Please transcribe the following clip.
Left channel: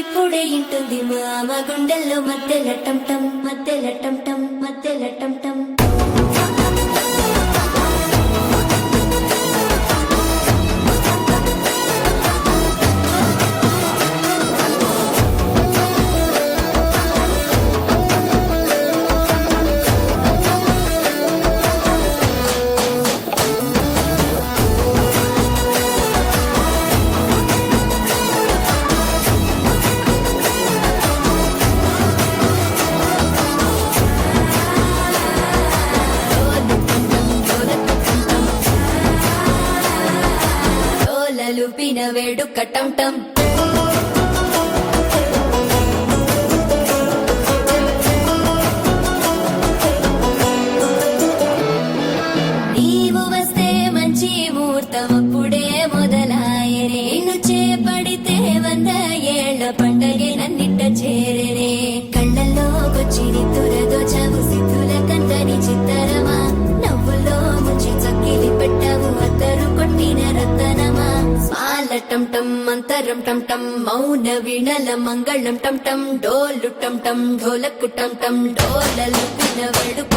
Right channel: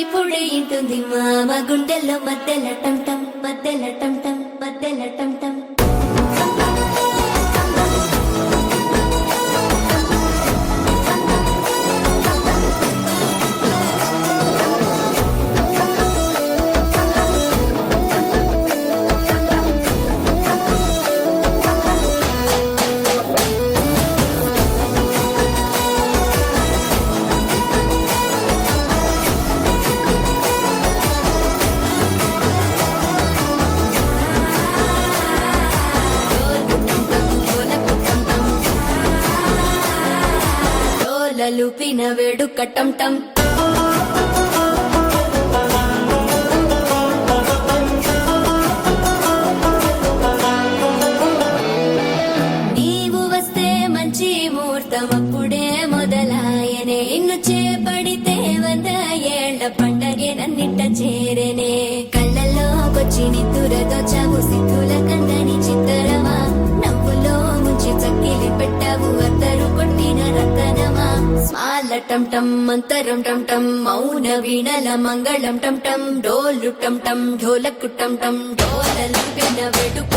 ఇప్పుడిప్పుడే ఇంటుంది మామ గుండెల్లో మధ్యల టం మధ్యల టం మధ్యల టం లూపిన వేడుక టం నీవు వస్తే మంచి ముహూర్తం అప్పుడే మొదలాయనే నిన్ను చేపడితే 100 ఏళ్ల పండగే నన్నిట్ట చేరేనే కళ్ళల్లోకొచ్చి నిద్దురతో చావు సిద్ధుల కందని చిత్తరమా నవ్వులో ముంచి చక్కిలి పెట్టావు అద్దరు కొట్టిన రతనమా టం అంతరం టం మౌన వీణల మంగళం టం డోలు టం ఢోలకు టం డోలలు విన వేడుక